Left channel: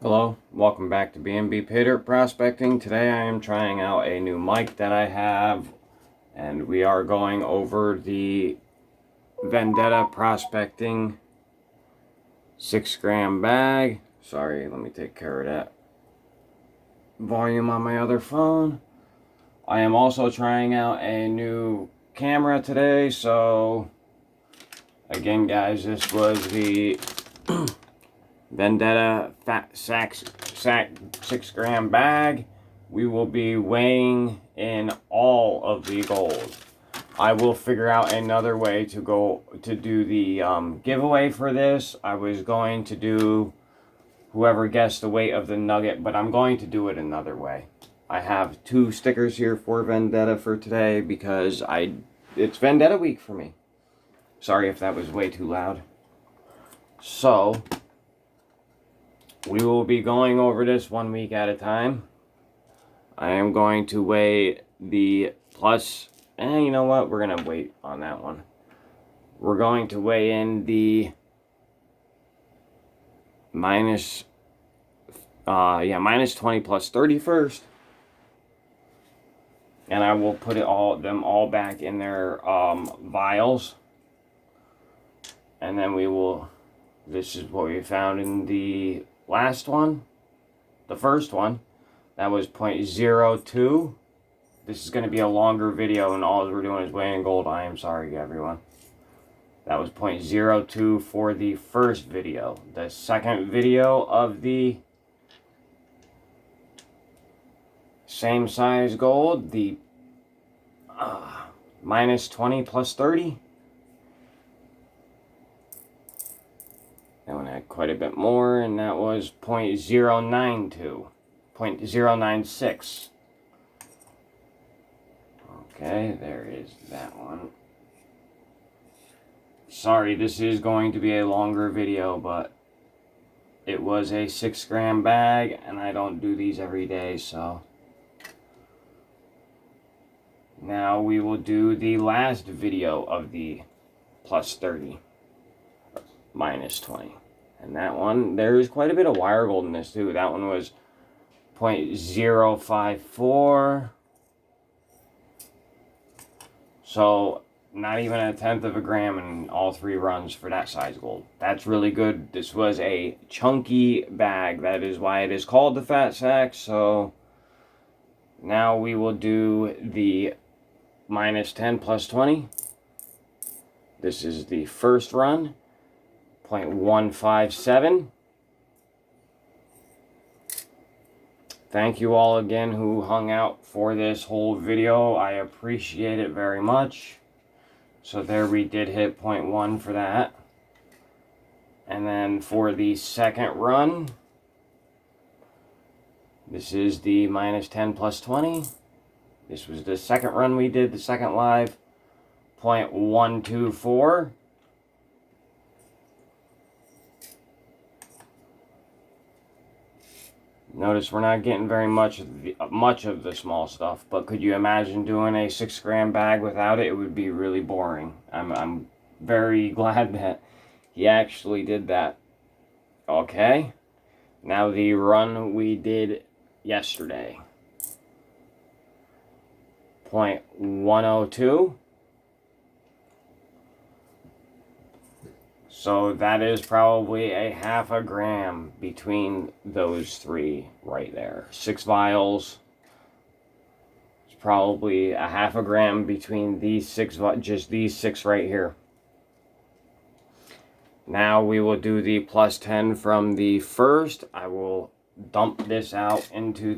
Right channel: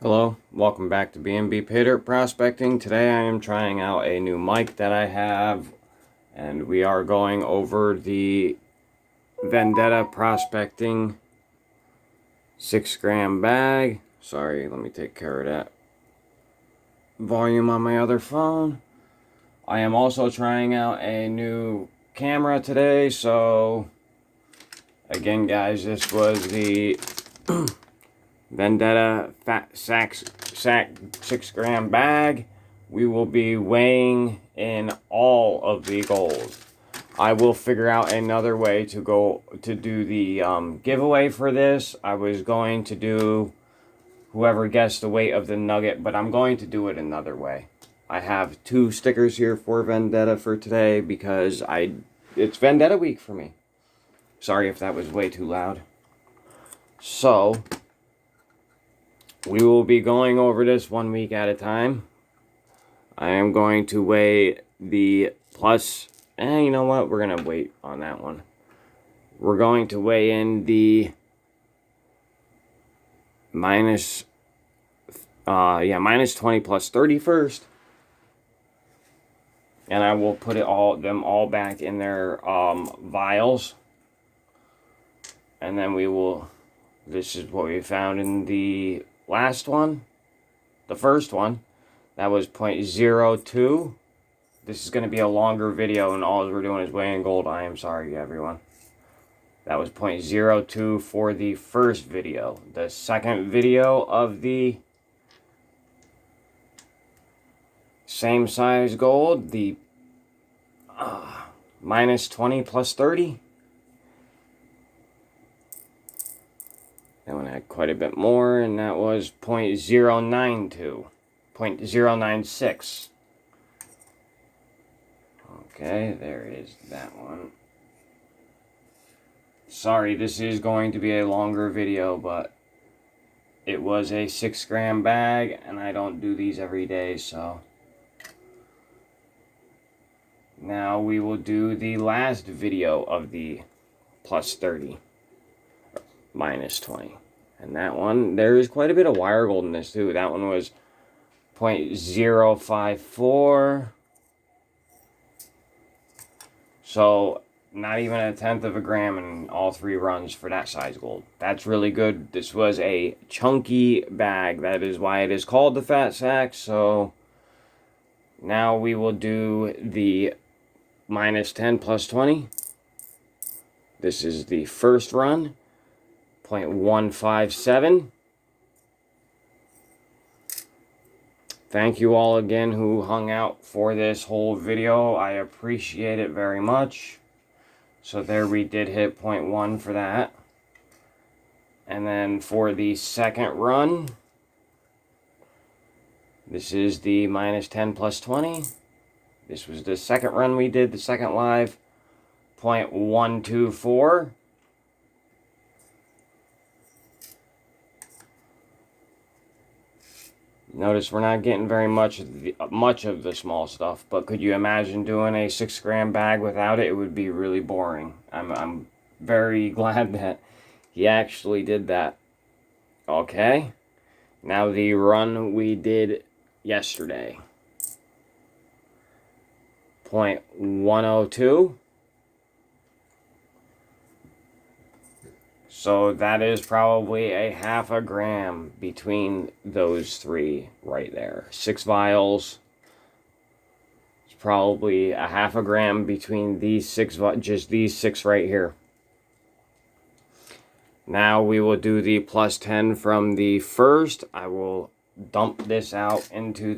Hello, welcome back to B&BPaydirtProspecting. Today I am trying out a new mic that I have, and we are going over the Vendetta Prospecting 6-gram bag. Sorry, let me take care of that volume on my other phone. I am also trying out a new camera today, so again guys, this was the Vendetta Fat Sak 6-gram bag. We will be weighing in all of the gold. I will figure out another way to do the giveaway for this. I was going to do whoever guessed the weight of the nugget, but I'm going to do it another way. I have 2 stickers here for Vendetta for today because it's Vendetta week for me. Sorry if that was way too loud. So we will be going over this 1 week at a time. I am going to weigh the plus, you know what? We're going to wait on that one. We're going to weigh in the minus 20 plus 30 first. And I will put them all back in their vials. And then this is what we found in the last one, the first one, that was 0.02. This is going to be a longer video, and all we're doing is weighing gold. I am sorry, everyone. That was 0.02 for the first video. The second video of the same size gold, the minus 20 plus 30. That one had quite a bit more, and that was 0.092, 0.096. Okay, there is that one. Sorry, this is going to be a longer video, but it was a 6-gram bag, and I don't do these every day, so. Now we will do the last video of the plus 30. Minus 20. And that one, there is quite a bit of wire gold in this too. That one was 0.054. So not even a tenth of a gram in all 3 runs for that size gold. That's really good. This was a chunky bag. That is why it is called the Fat Sak. So now we will do the minus 10 plus 20. This is the first run. 0.157. Thank you all again who hung out for this whole video. I appreciate it very much. So there we did hit 0.1 for that. And then for the second run, this is the minus 10 plus 20. This was the second run we did, the second live. 0.124. Notice we're not getting very much of the small stuff, but could you imagine doing a 6-gram bag without it? It would be really boring. I'm very glad that he actually did that. Okay, now the run we did yesterday. 0.102. So that is probably a half a gram between those 3 right there. 6 vials. It's probably a half a gram between these 6, just these 6 right here. Now we will do the plus 10 from the first. I will dump this out into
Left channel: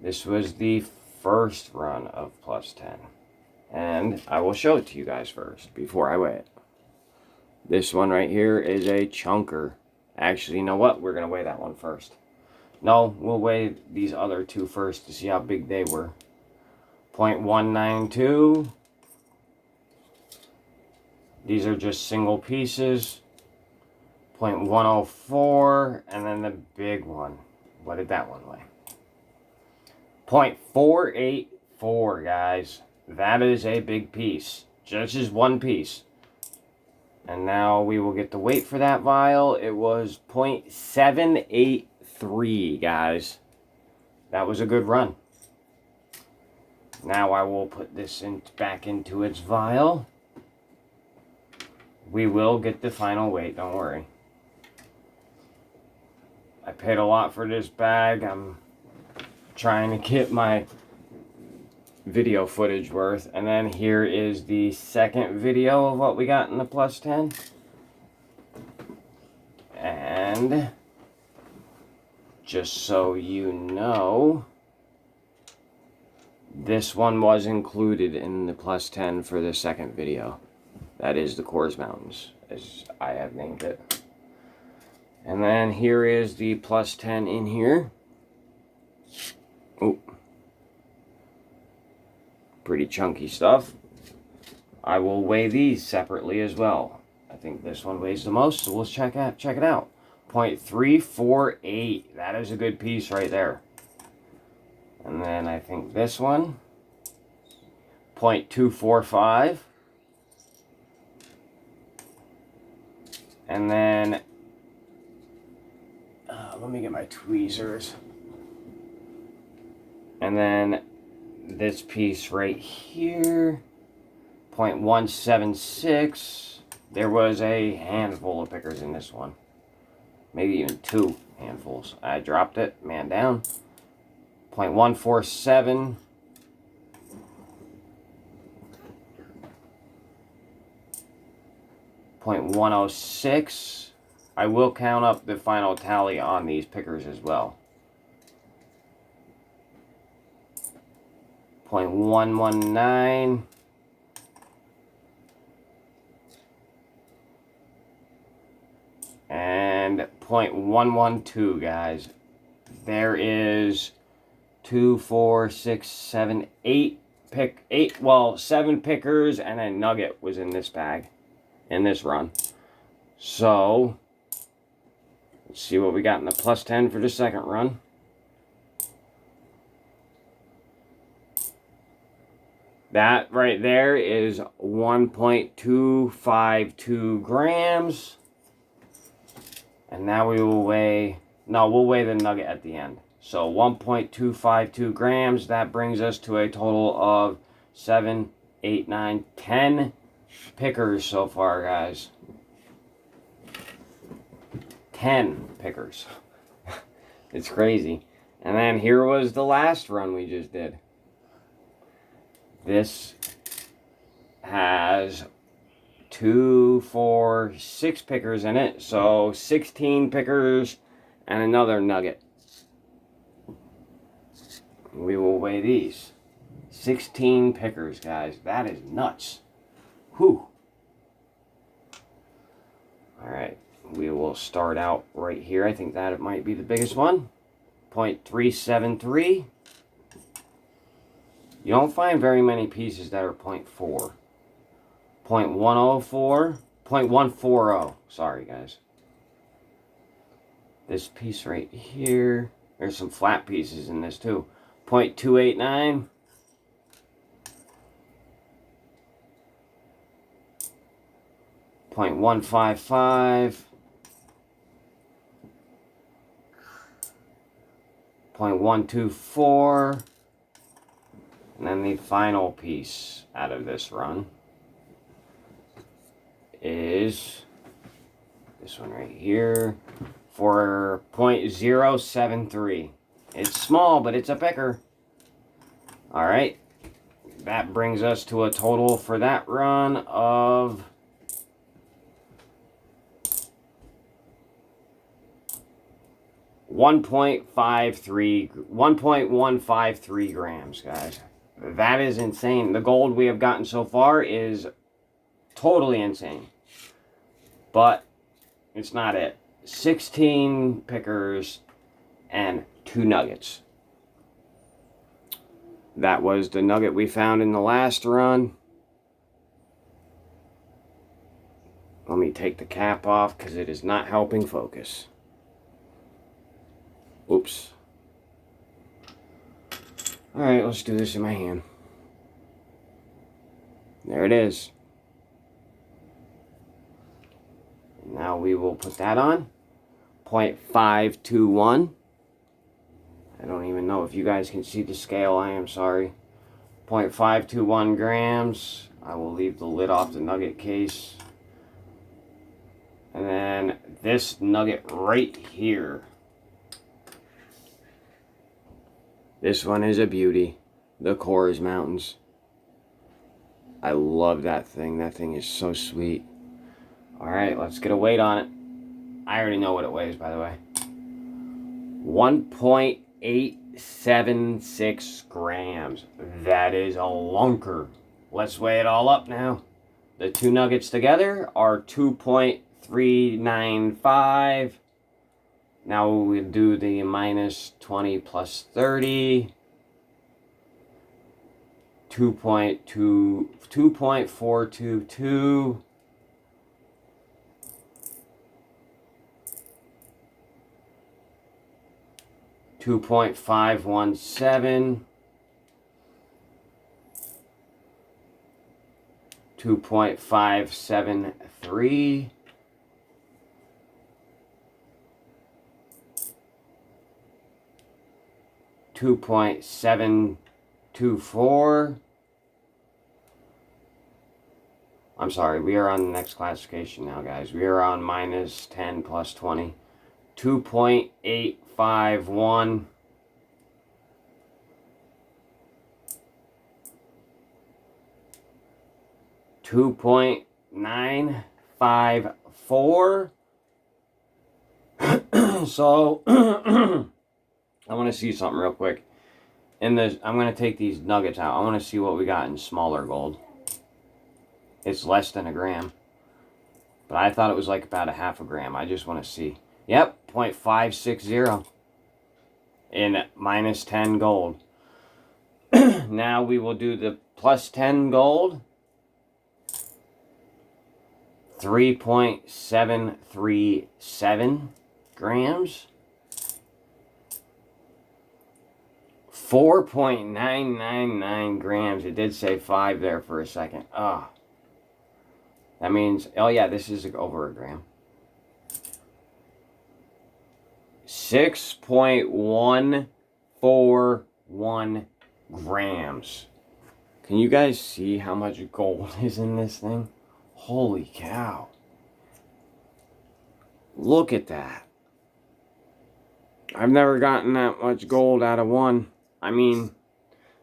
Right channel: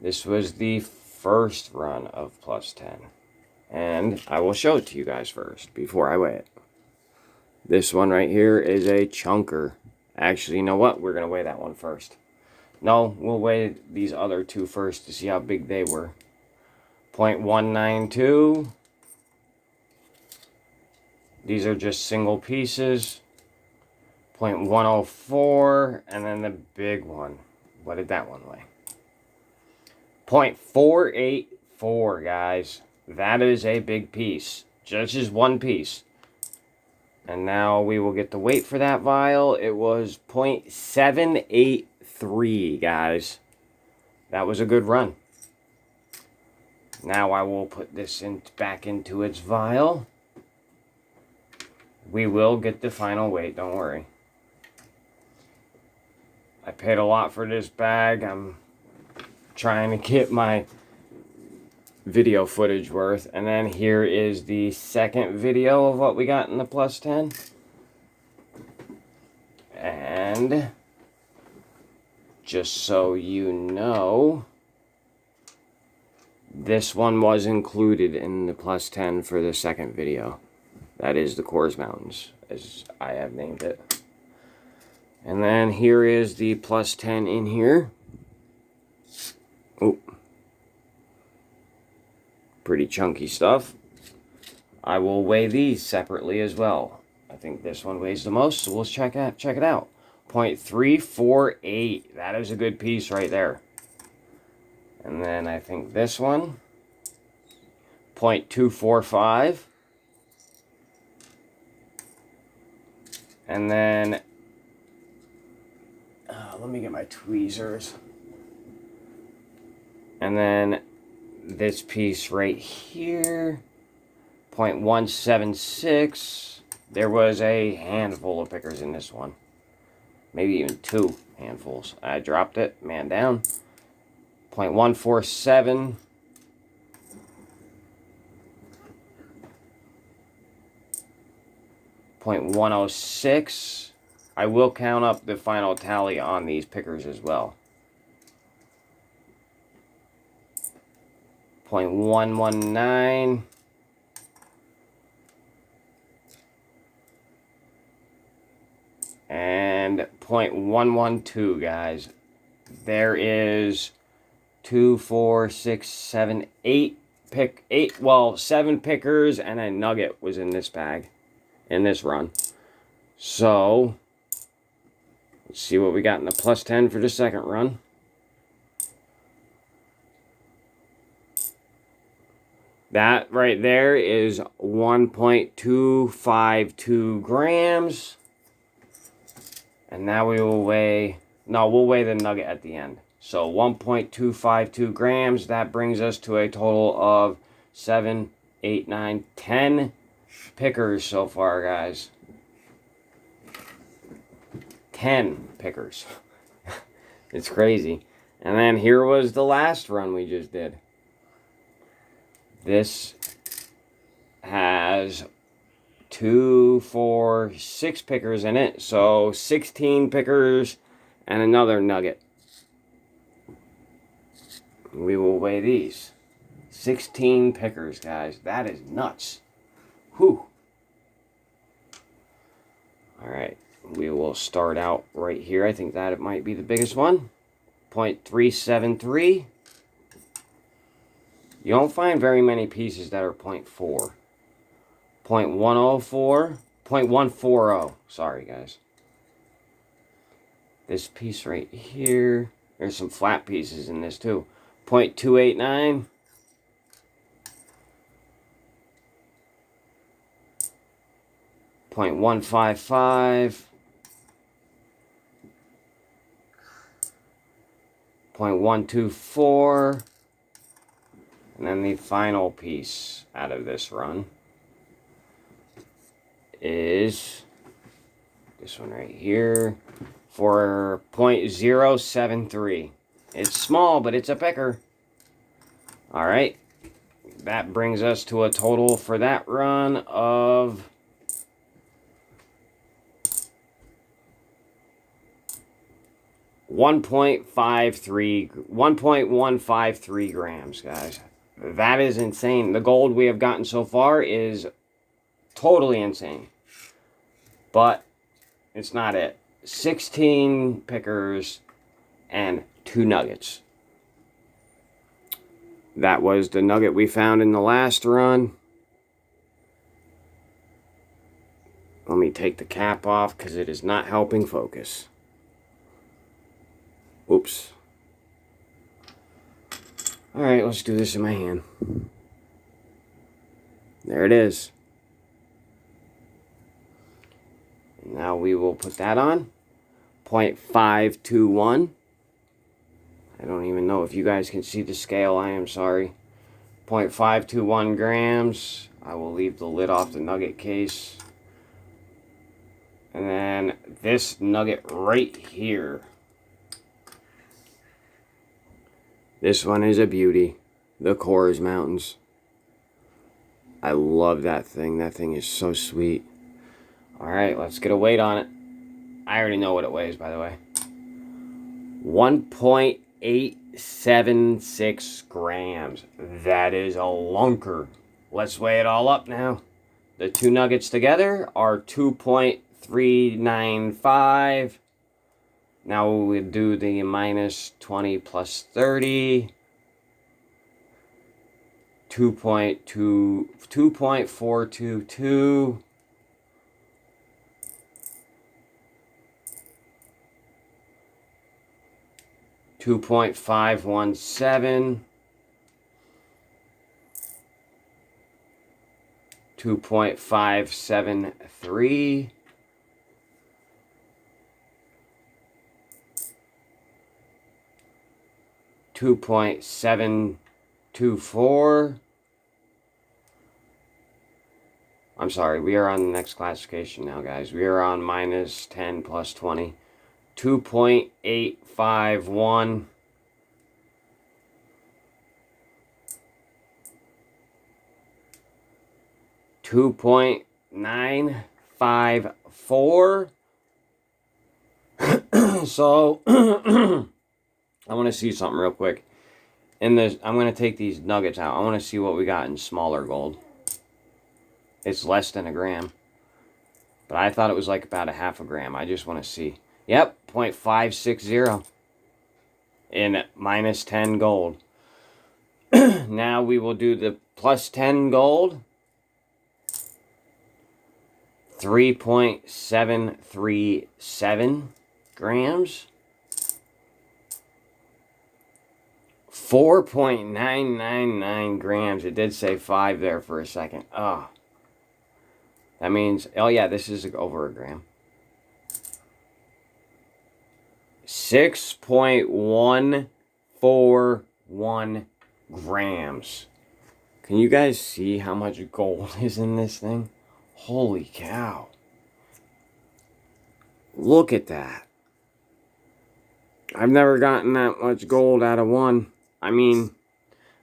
this was the first run of plus 10. And I will show it to you guys first before I weigh it. This one right here is a chunker. Actually, you know what? We're going to weigh that one first. No, we'll weigh these other 2 first to see how big they were. 0.192. These are just single pieces. 0.104. And then the big one. What did that one weigh? 0.484, guys. That is a big piece. Just as one piece. And now we will get the weight for that vial. It was 0.783, guys. That was a good run. Now I will put this back into its vial. We will get the final weight, don't worry. I paid a lot for this bag. I'm trying to get my video footage worth. And then here is the second video of what we got in the plus 10. And just so you know, this one was included in the plus 10 for the second video. That is the Coors Mountains, as I have named it. And then here is the plus 10 in here. Oh, pretty chunky stuff. I will weigh these separately as well. I think this one weighs the most, so we'll check it out. 0.348. That is a good piece right there. And then I think this one, 0.245. And then, let me get my tweezers. And then this piece right here, 0.176. There was a handful of pickers in this one. Maybe even 2 handfuls. I dropped it, man down. 0.147. 0.106. I will count up the final tally on these pickers as well. 0.119. And 0.112, guys. There is 2, 4, 6, 7, 8 7 pickers and a nugget was in this bag, in this run. So, let's see what we got in the plus 10 for the second run. That right there is 1.252 grams. And now we will weigh, we'll weigh the nugget at the end. So 1.252 grams, that brings us to a total of 7, 8, 9, 10 pickers so far, guys. 10 pickers. It's crazy. And then here was the last run we just did. This has 2, 4, 6 pickers in it. So 16 pickers and another nugget. We will weigh these. 16 pickers, guys. That is nuts. Whew. Alright. We will start out right here. I think that it might be the biggest one. 0.373. You don't find very many pieces that are 0.4. 0.104. 0.140. Sorry, guys. This piece right here. There's some flat pieces in this too. 0.289. 0.155. 0.124. And then the final piece out of this run is this one right here for 0.073. It's small, but it's a picker. Alright. That brings us to a total for that run of 1.153 grams, guys. That is insane. The gold we have gotten so far is totally insane. But it's not it. 16 pickers and 2 nuggets. That was the nugget we found in the last run. Let me take the cap off because it is not helping focus. Oops. Alright, let's do this in my hand. There it is. Now we will put that on. 0.521. I don't even know if you guys can see the scale. I am sorry. 0.521 grams. I will leave the lid off the nugget case. And then this nugget right here. This one is a beauty. The Coors Mountains. I love that thing. That thing is so sweet. Alright, let's get a weight on it. I already know what it weighs, by the way. 1.876 grams. That is a lunker. Let's weigh it all up now. The two nuggets together are 2.395. Now we do the minus 20 plus 30. 2.422. 2.517. 2.573. 2.724. I'm sorry, we are on the next classification now, guys. We are on minus 10 plus 20. 2.851. 2.954. So I want to see something real quick. I'm going to take these nuggets out. I want to see what we got in smaller gold. It's less than a gram. But I thought it was like about a half a gram. I just want to see. Yep, 0.560 in minus 10 gold. Now we will do the plus 10 gold. 3.737 grams. 4.999 grams. It did say 5 there for a second. Oh. That means, oh yeah, this is over a gram. 6.141 grams. Can you guys see how much gold is in this thing? Holy cow. Look at that. I've never gotten that much gold out of one. I mean,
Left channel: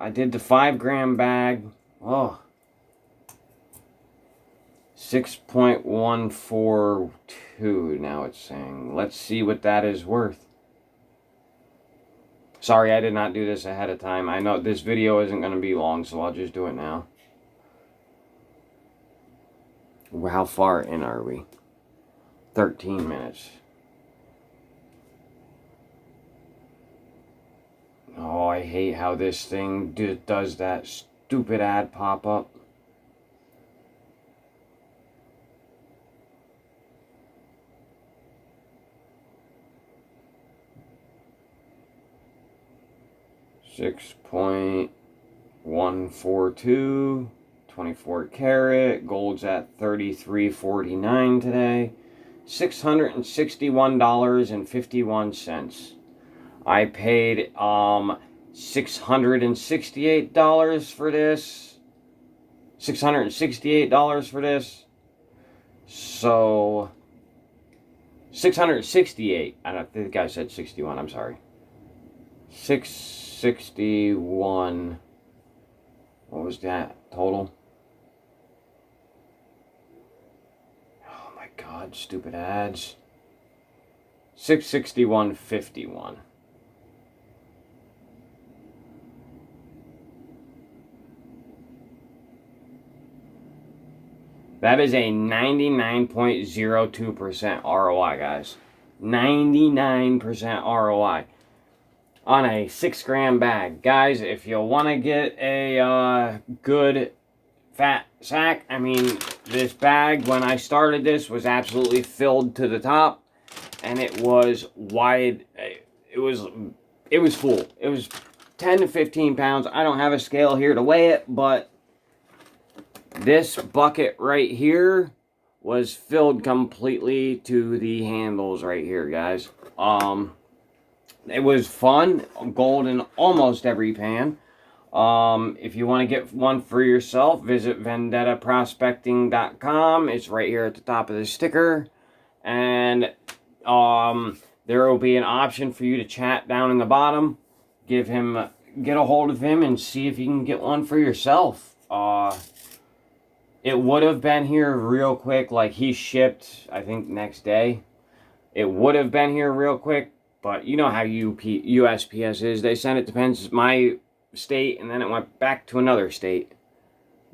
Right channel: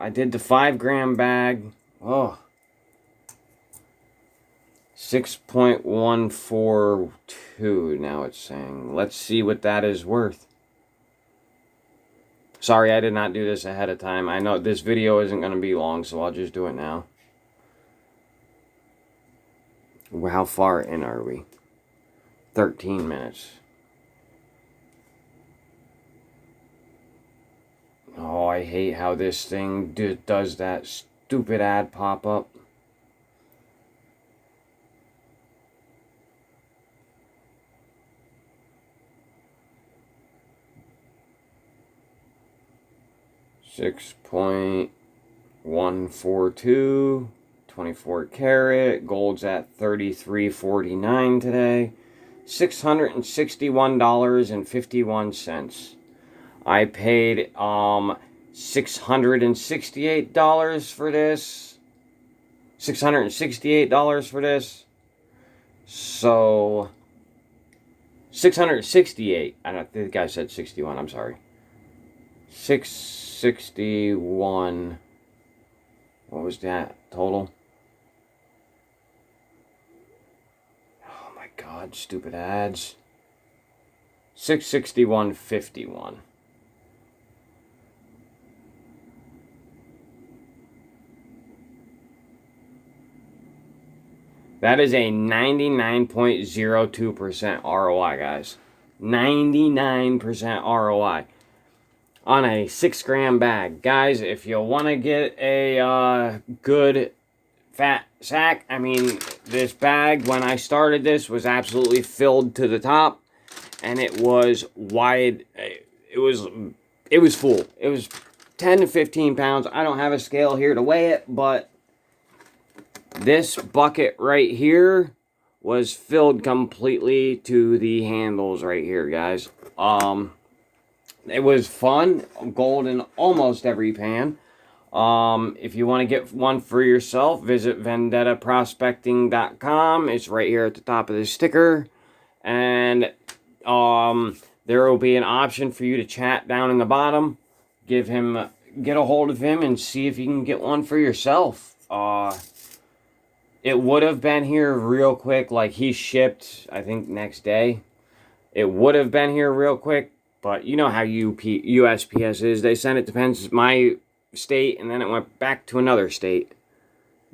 I did the 5 gram bag. Oh. 6.142 now it's saying. Let's see what that is worth. Sorry, I did not do this ahead of time. I know this video isn't going to be long, so I'll just do it now. How far in are we? 13 minutes. Oh, I hate how this thing does that stupid ad pop up. $6.142, 24 karat, gold's at $33.49 today, $661.51. I paid $668 for this. $668 for this. So 668. I don't think I said 61. I'm sorry. 661. What was that total? Oh my God, stupid ads. 661.51. That is a 99.02% ROI, guys. 99% ROI on a 6 gram bag. Guys, if you want to get a good Fat Sak, I mean, this bag, when I started this, was absolutely filled to the top. And it was wide. It was full. It was 10 to 15 pounds. I don't have a scale here to weigh it, but this bucket right here was filled completely to the handles right here, guys. It was fun. Gold in almost every pan. If you want to get one for yourself, visit VendettaProspecting.com. It's right here at the top of the sticker. And there will be an option for you to chat down in the bottom. Get a hold of him and see if you can get one for yourself. It would have been here real quick, like he shipped, I think, next day. It would have been here real quick, but you know how USPS is. They send it to my state, and then it went back to another state.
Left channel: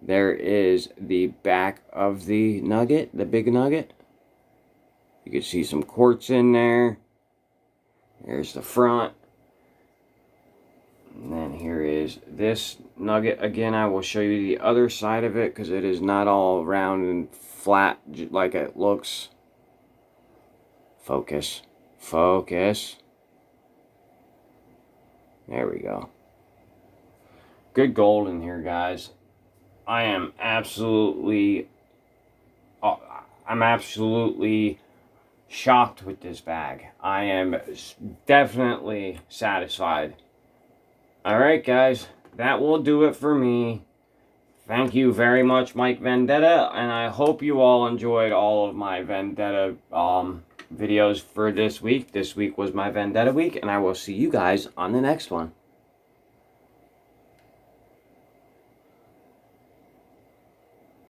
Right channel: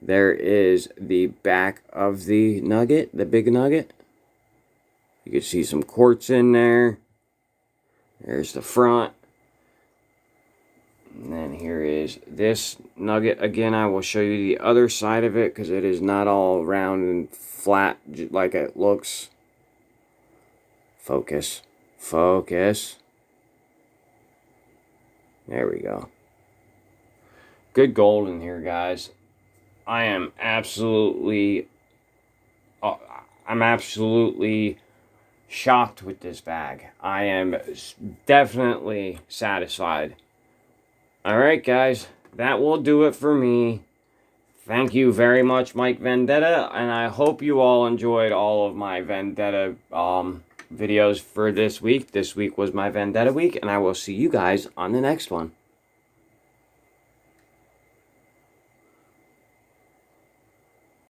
There is the back of the nugget, the big nugget. You can see some quartz in there. There's the front. And then here is this nugget. Again, I will show you the other side of it because it is not all round and flat like it looks. Focus. Focus. There we go. Good gold in here, guys. I'm absolutely shocked with this bag. I am definitely satisfied. Alright, guys, that will do it for me. Thank you very much, Mike Vendetta, and I hope you all enjoyed all of my Vendetta videos for this week. This week was my Vendetta week, and I will see you guys on the next one.